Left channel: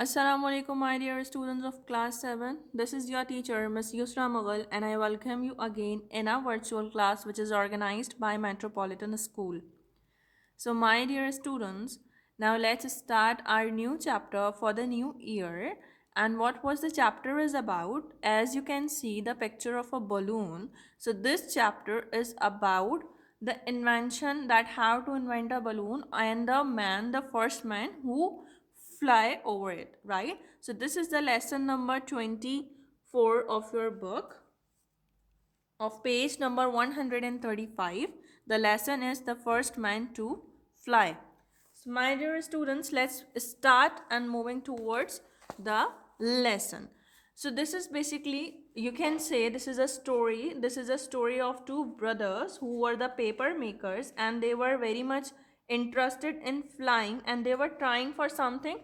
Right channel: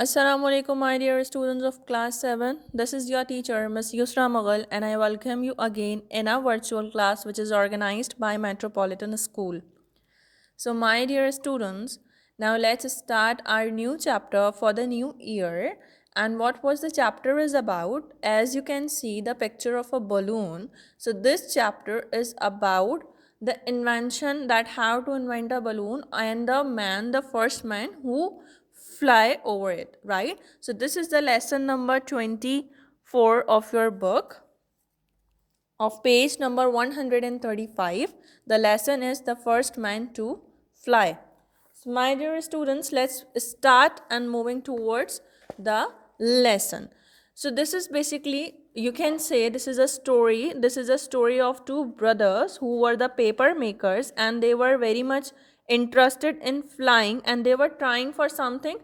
Assalamu alaikum, my dear students of class 7. This is your teacher, Ms. Yusra Mughal, and I welcome you again in our virtual class, which is organized by Metropolitan School. So, my dear students, now let's start our new chapter for the new year. And what was the chapter is about? As you can see, the picture of a balloon. So, this chapter is about the invention, that how to invent a balloon, and the first man who fly over it, right? So, this is the lesson number 24 of your book of page number 135. The lesson is the first man to fly. So, my dear students, let's start and moving towards the lesson. So, this is basically, you can say, this is a story. This is a story of two brothers who were the paper makers, and they were very much interested in flying, and they were trying for something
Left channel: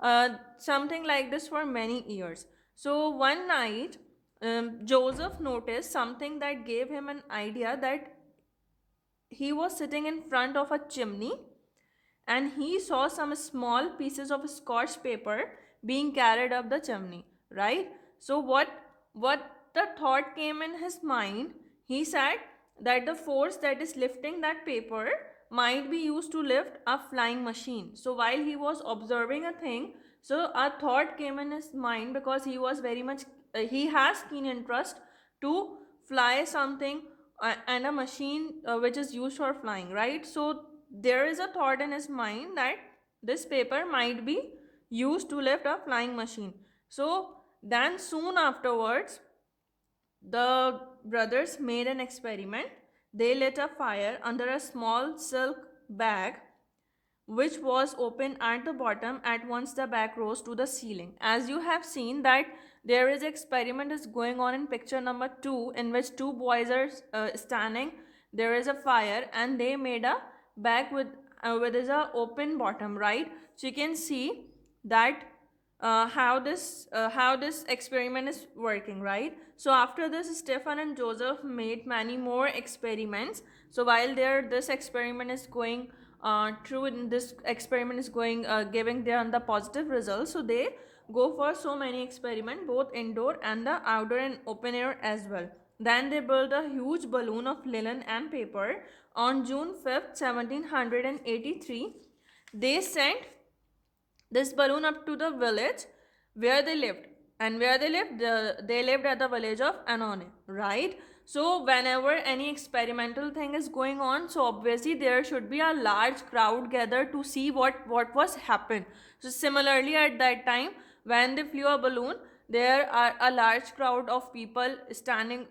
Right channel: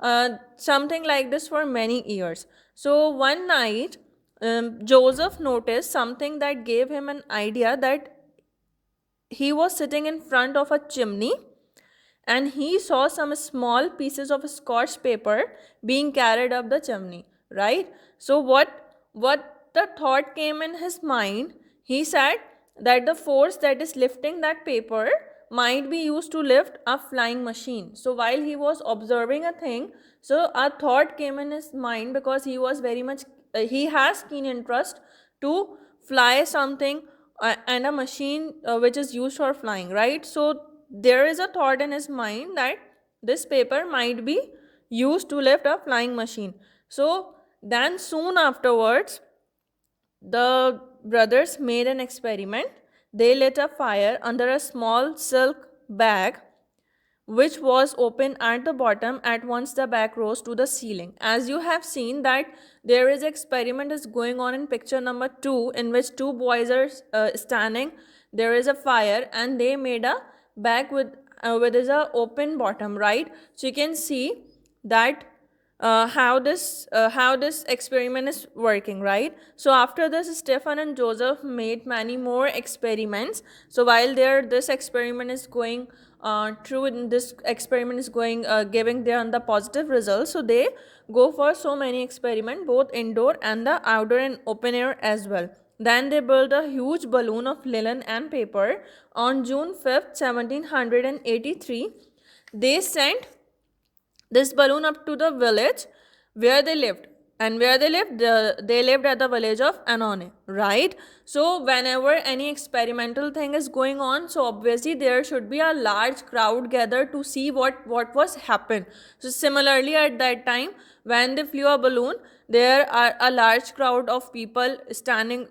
like this for many years. So, one night, Joseph noticed something that gave him an idea, that he was sitting in front of a chimney and he saw some small pieces of scotch paper being carried up the chimney, right? So what the thought came in his mind, he said that the force that is lifting that paper might be used to lift a flying machine. So while he was observing a thing, so a thought came in his mind, because he was very much he has keen interest to fly something, and a machine which is used for flying, right? So there is a thought in his mind that this paper might be used to lift a flying machine. So then soon afterwards, the brothers made an experiment. They lit a fire under a small silk bag which was open at the bottom. At once the bag rose to the ceiling. As you have seen that there is experiment is going on in picture number 2, in which two boys are standing. There is a fire and they made a bag with is a open bottom, right? So you can see that how this experiment is working, right? So after this, Stephen and Joseph made many more experiments. So while there this experiment is going through, and this experiment is going giving them the positive results, so they go for so many experiment, both indoor and the outdoor and open air as well. Then they built a huge balloon of linen and paper. On June 5th, 1783, they sent this balloon up to the village where they lived. And where they lived, they lived at the village of Anone, right? So whenever any experimental thing is going on, so obviously there should be a large crowd gathered to see what was happened. So similarly, at that time when they flew a balloon, there are a large crowd of people standing,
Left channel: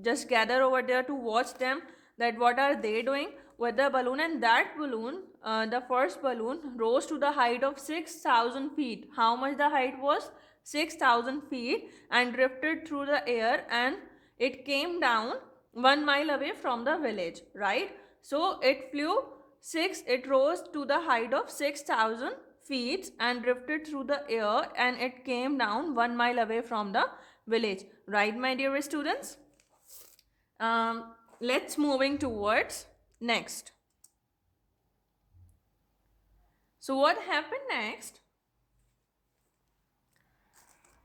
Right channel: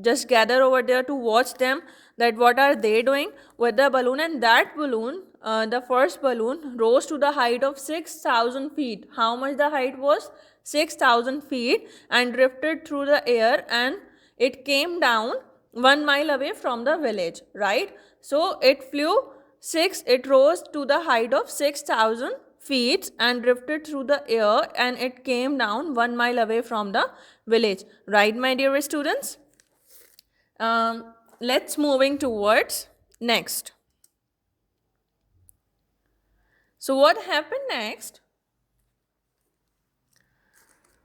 just gather over there to watch them, that what are they doing with the balloon. And that balloon, the first balloon, rose to the height of 6,000 feet. How much the height was? 6,000 feet, and drifted through the air, and it came down 1 mile away from the village, right? So it rose to the height of 6,000 feet and drifted through the air, and it came down 1 mile away from the village, right, my dear students? Let's moving towards next. So what happened next?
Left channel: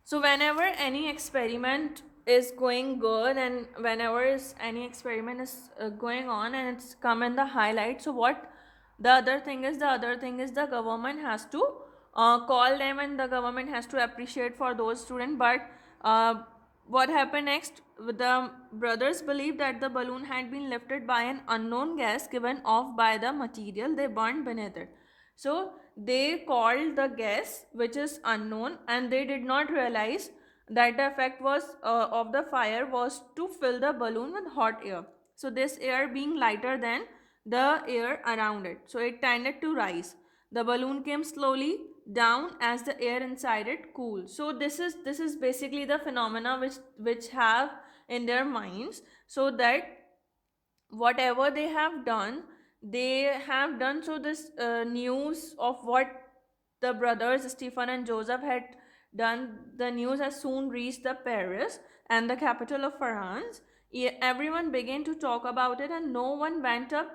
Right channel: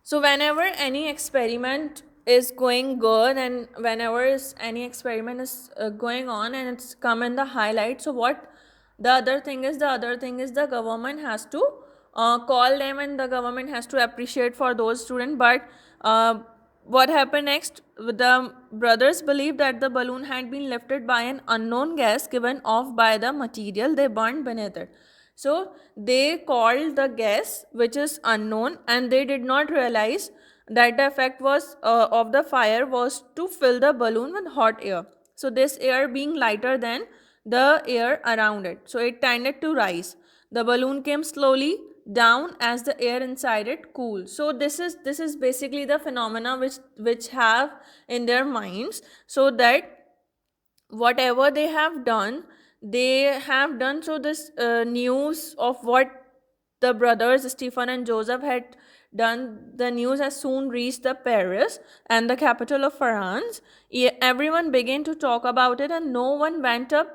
So whenever any experiment is going good, and whenever any experiment is going on and it's come in the highlight, so what the other thing is, the government has to call them, and the government has to appreciate for those students. But what happened next? The brothers believed that the balloon had been lifted by an unknown gas given off by the material they burned beneath it. So they called the gas which is unknown, and they did not realize that the effect was of the fire was to fill the balloon with hot air. So this air being lighter than the air around it, so it tended to rise. The balloon came slowly down as the air inside it cooled. So this is basically the phenomena which have in their minds, so that whatever they have done. So this news of what the brothers Stephen and Joseph had done, the news has soon reached the Paris, and the capital of France. Everyone began to talk about it, and no one went up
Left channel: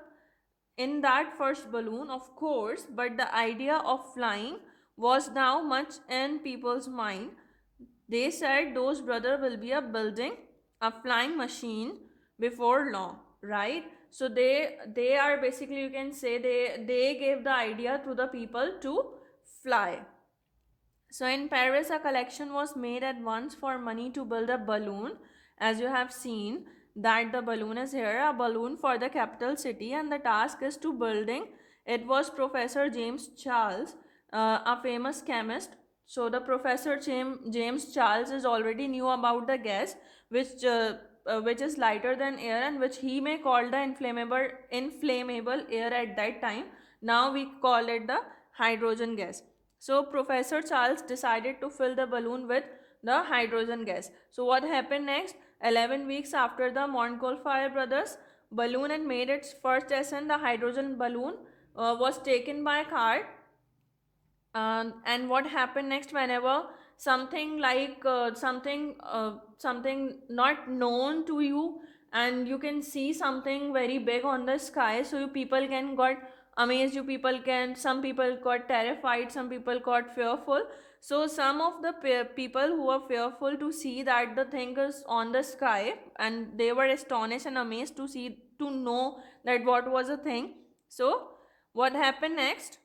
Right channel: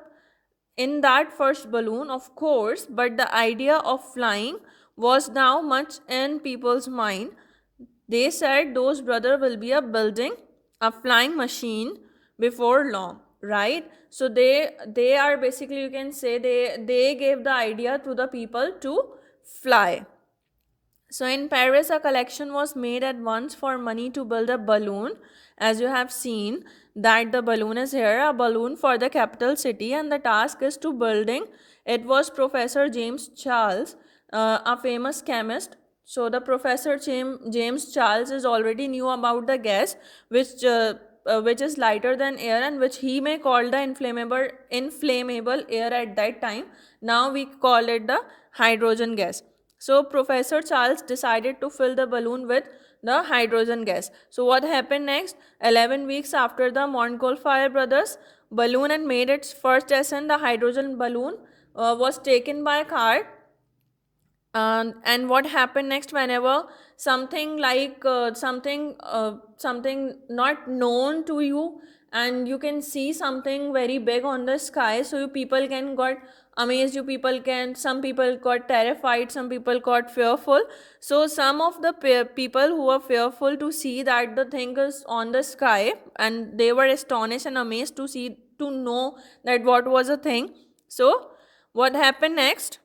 in that first balloon, of course, but the idea of flying was now much in people's mind. They said those brother will be a building a flying machine before long, right? So they are basically, you can say, they gave the idea to the people to fly. So in Paris, a collection was made at once for money to build a balloon. As you have seen, that the balloon is here, a balloon for the capital city, and the task is to building. It was Professor James Charles, a famous chemist. So the Professor James Charles is already knew about the gas, which is lighter than air, and which he may call the inflammable air at that time. Now we call it the hydrogen gas. So Professor Charles decided to fill the balloon with the hydrogen gas. So what happened next? 11 weeks after the Montgolfier brothers balloon and made its first ascent, the hydrogen balloon was taken by a car. And what happened next? Whenever something like something not known to you, and you can see something very big on the sky, so you people can got amazed, you people can, some people got terrified, some people got fearful. So some of the people who were fearful to see that the thing is on the sky, and they were astonished and amazed to see, to know that what was a thing. So what happened next?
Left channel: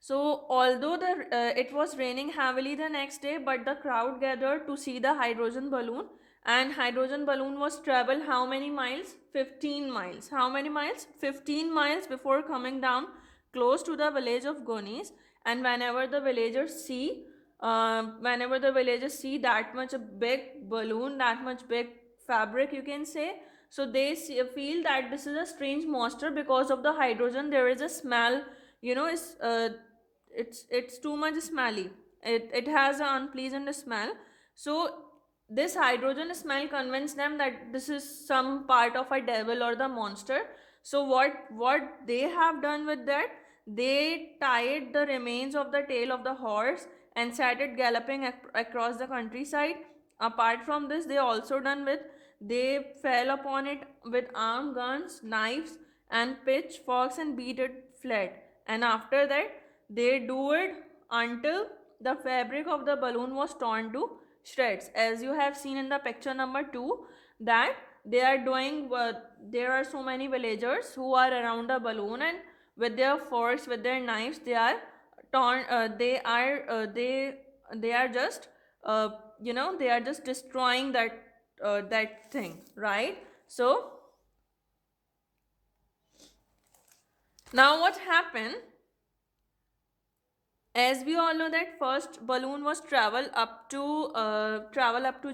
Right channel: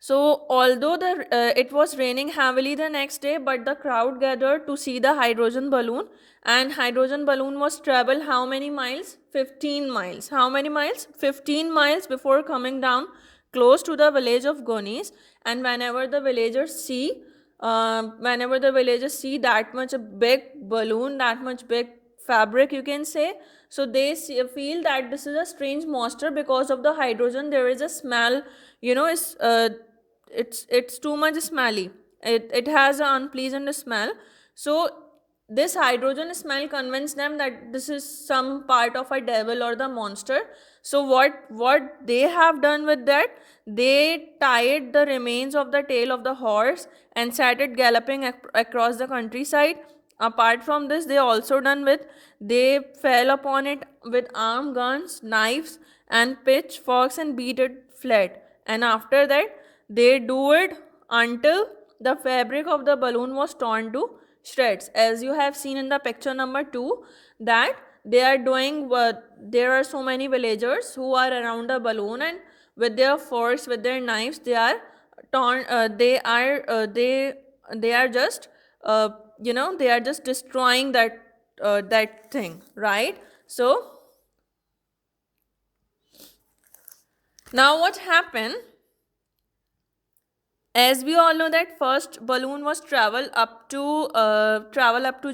So, although it was raining heavily the next day, but the crowd gathered to see the hydrogen balloon. And hydrogen balloon was travel how many miles? 15 miles. How many miles? 15 miles before coming down close to the village of Gonis. And whenever the villagers see that much a big balloon, that much big fabric, you can say, so they feel that this is a strange monster because of the hydrogen. There is a smell, it's too much smelly. It has an unpleasant smell. So this hydrogen smell convinced them that this is some part of a devil or the monster. So what they have done with that, they tied the remains of the tail of the horse and started galloping across the countryside. Apart from this, they also done with, they fell upon it with armed guns, knives, and pitchforks and beat it flat. And after that, they do it until the fabric of the balloon was torn to shreds. As you have seen in the picture number 2, that they are doing what, there are so many villagers who are around the balloon, and with their forks, with their knives, they are torn. They are just they are just destroying that thing, right? So now what happened, as we all know, that first balloon was travel up to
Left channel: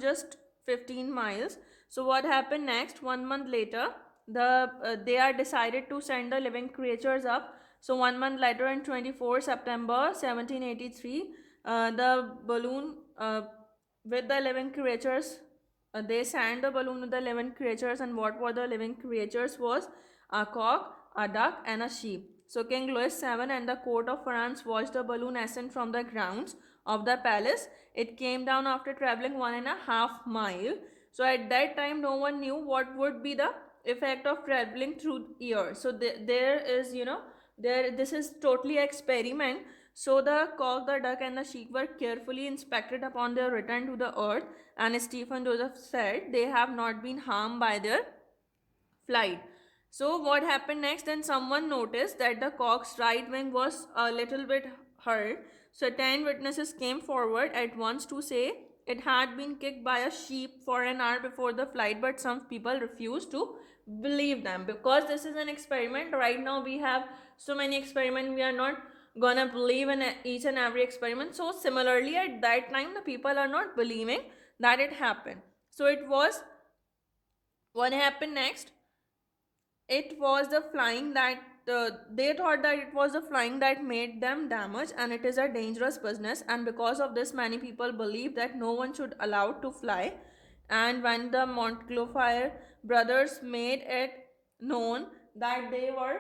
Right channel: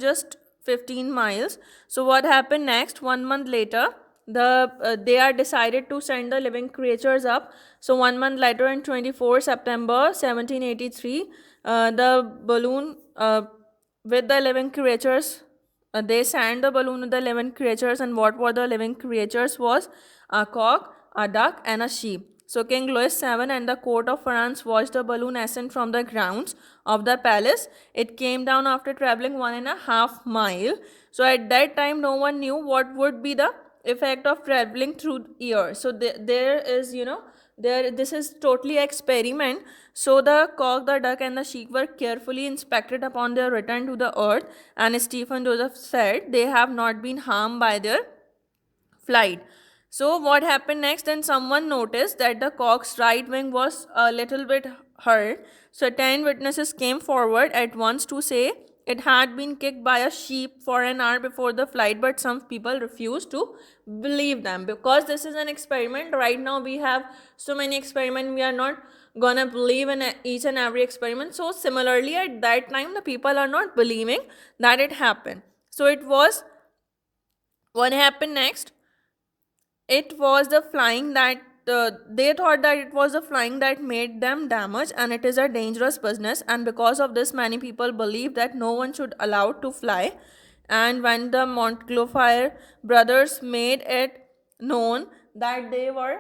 just 15 miles. So what happened next? 1 month later, they are decided to send the living creatures up. So 1 month later, in 24 September 1783, the balloon with the living creatures, they sent the balloon with the living creatures. And what were the living creatures? Was a cock, a duck, and a sheep. So King Louis VII and the court of France watched the balloon ascend from the grounds of the palace. It came down after traveling 1.5 mile. So at that time, no one knew what would be the effect of traveling through air. So there is, this is totally experiment. So the cock, the duck, and the sheep were carefully inspected upon their return to the earth, and Stephen Joseph said they have not been harmed by their flight. So what happened next? Then someone noticed that the cock's right wing was a little bit hurt. So 10 witnesses came forward at once to say it had been kicked by a sheep for an hour before the flight, but some people refused to believe them because this is an experiment. Right now we have so many experiments, we are not gonna believe in each and every experiment. So similarly, at that time, the people are not believing that it happened. So it was, what happened next? It was the flying that they thought that it was the flying that made them damage, and it is a dangerous business. And because of this, many people believe that no one should allow to fly. And when the Montgolfier brothers made it known that they were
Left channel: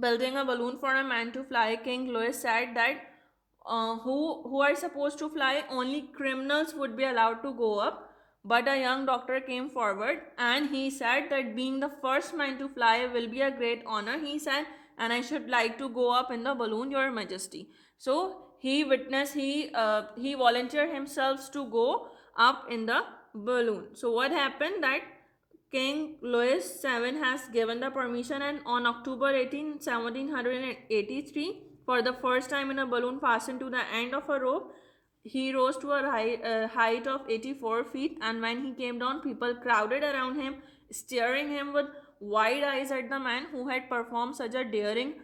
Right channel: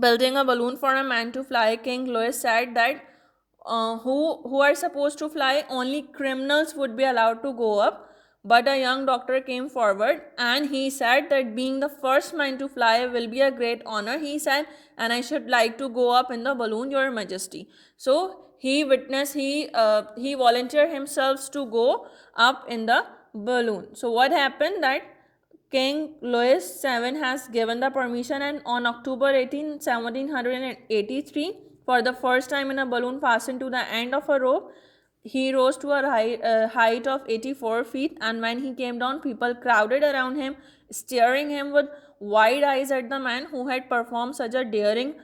building a balloon for a man to fly, King Louis said that who are supposed to fly, only criminals would be allowed to go up. But a young doctor came forward and he said that being the first man to fly will be a great honor. He said, and I should like to go up in the balloon, Your Majesty. So he volunteered himself to go up in the balloon. So what happened that King Louis VII has given the permission, and on October 18, 1783, for the first time in a balloon fastened to the end of a rope, he rose to a height of 84 feet, and when he came down, people crowded around him, staring him with wide eyes at the man who had performed such a daring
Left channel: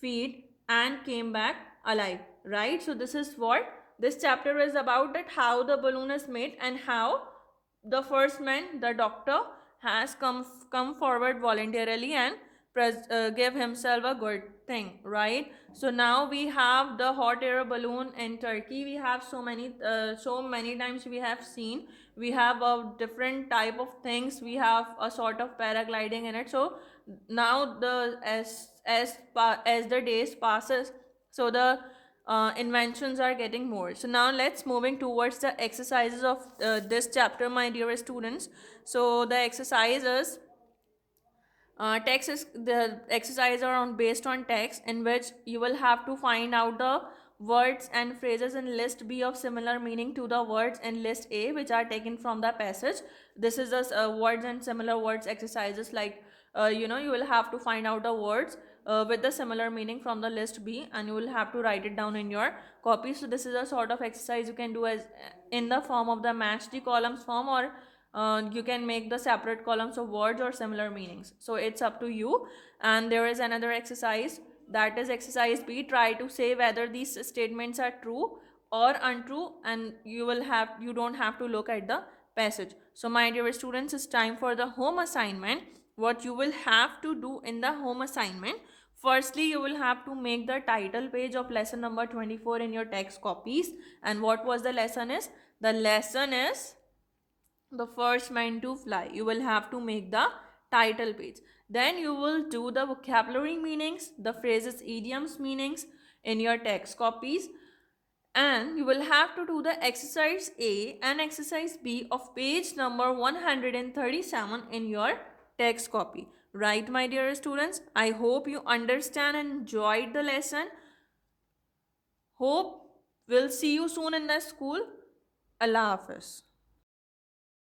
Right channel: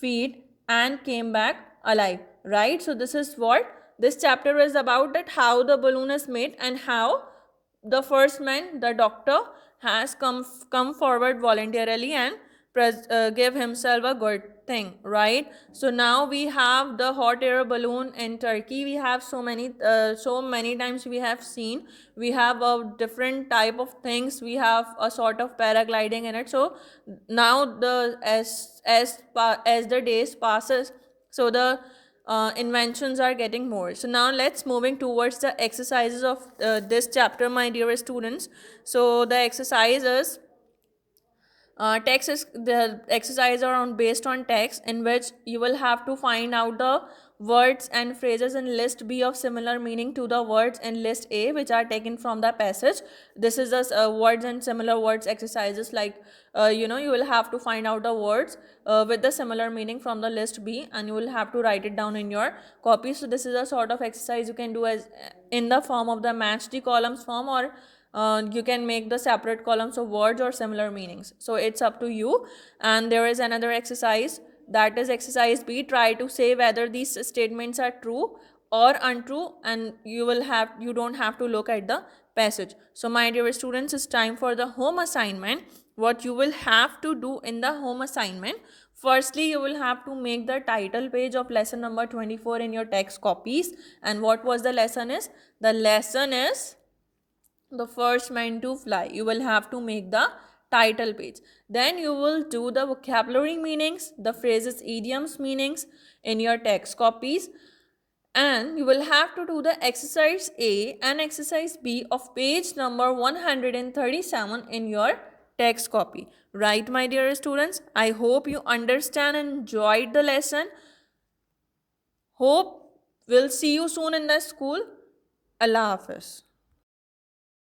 feat and came back alive. Right? So this is what this chapter is about, that how the balloon is made and how the first man, the doctor, has come forward voluntarily and give himself a good thing, right? So now we have the hot air balloon in Turkey. We have so many times we have seen. We have a different type of things. We have a sort of paragliding in it. So now the as the days passes, so the inventions are getting more. So now let's moving towards the exercises of this chapter, my dear students. So the exercises text is the exercise around based on text, in which you will have to find out the words and phrases in list B of similar meaning to the words in list A, which are taken from the passage. This is the words and similar words exercises, like you will have to find out the words with the similar meaning from the list B, and you will have to write it down in your copy. So this is a sort of exercise you can do as in the form of the match the columns form, or you can make the separate columns of words or similar meanings. So it's up to you. And there is another exercise, that is exercise B. Try to say whether these statements are true or untrue, and you don't have to look at the passage. So my dear students, it's time for the home assignment. What you will have to do in the home assignment, firstly you will have to make the title page of lesson number 24 in your text copies. And what was the lesson is? The lesson is the first man to fly. You will have to make the title page. Then you will do the vocabulary meanings, the phrases, idioms meanings in your text copies. And you will have to do the exercise A and exercise B of page number 137 in your text copy. Right, my dear students? I hope you understand and enjoyed the lesson. Hope we'll see you soon in the school. Allah Hafiz.